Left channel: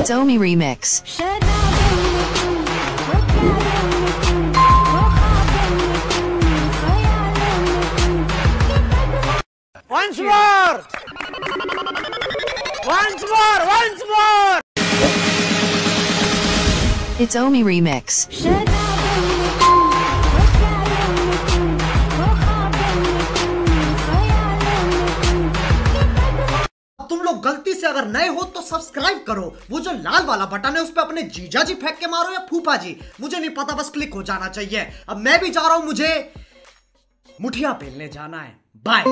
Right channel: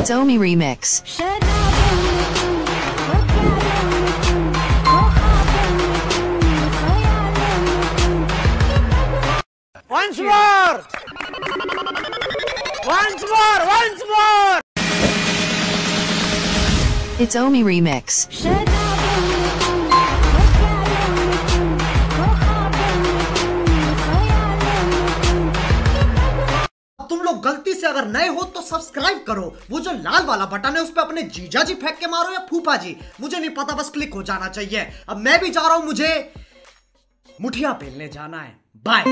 𝐒𝐿 remix. Once more! Once more! Once more! 𝐒𝐿 remix. तुम लोग गलती से अगर नए हो तो सब्सक्राइब करो। वो जो लाल वाला बटन है उस पे अपने जीजा जी फेंक के मारो या फूफा जी, मुझे नहीं पता, बस क्लिक हो जाना चाहिए। अब मैं भी जा रहा हूं, मुझे मुठिया पेलने जाना है। बाय।